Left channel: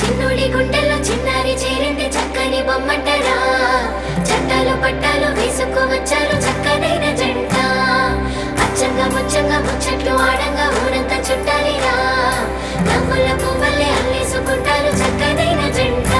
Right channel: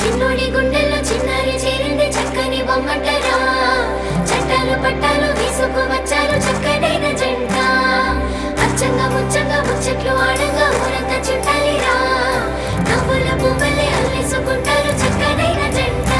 చిన్నోడి గుండెల్లో చిన్నారి చేరింది చక్కని బొమ్మటరా చట్టాలు పట్టాలు వేసుకు వచ్చారు చక్కనైన జంట అచ్చంగా ముచ్చంగా ముచ్చట్లు ఆడంగా ఊరంతా చుట్టాలిరా నవ్వుల పువ్వులే అల్లేసుకుంటారు చక్కనైన జంట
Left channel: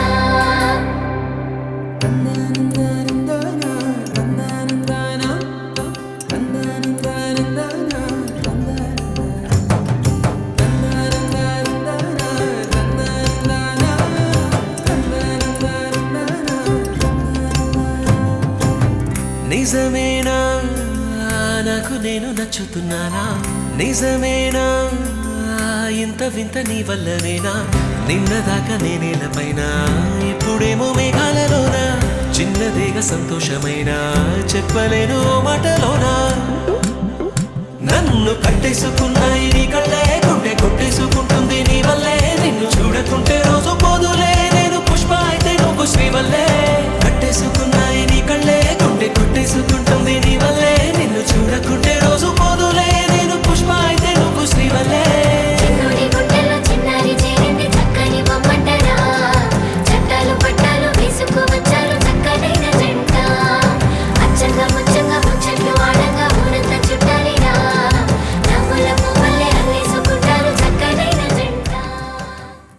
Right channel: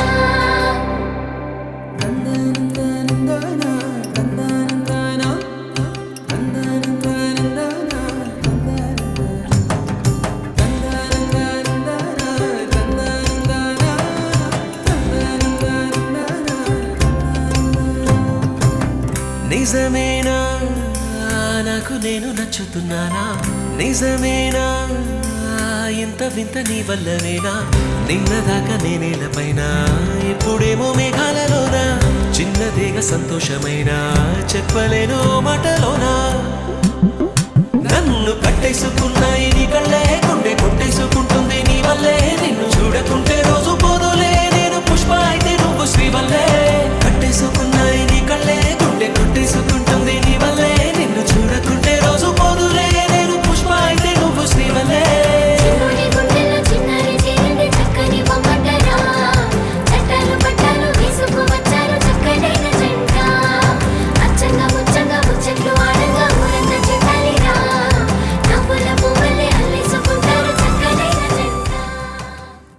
నిజమేనా నాకు నేను నచ్చుతున్నానా నిజమేనా ఇంత వింత నీ వల్లనేనా నిన్నదాకా నేనేలపైన ఇప్పుడేమో మేఘాలలోనా చిన్నదేగా సంతోషమైనా చెప్పలేను మాటలోనా నన్ను కట్టేసుకున్నాయి నీ కళ్ళే గుండె కొట్టేసుకుంటుంది నీ వల్లే నిన్ను చూడకుంటే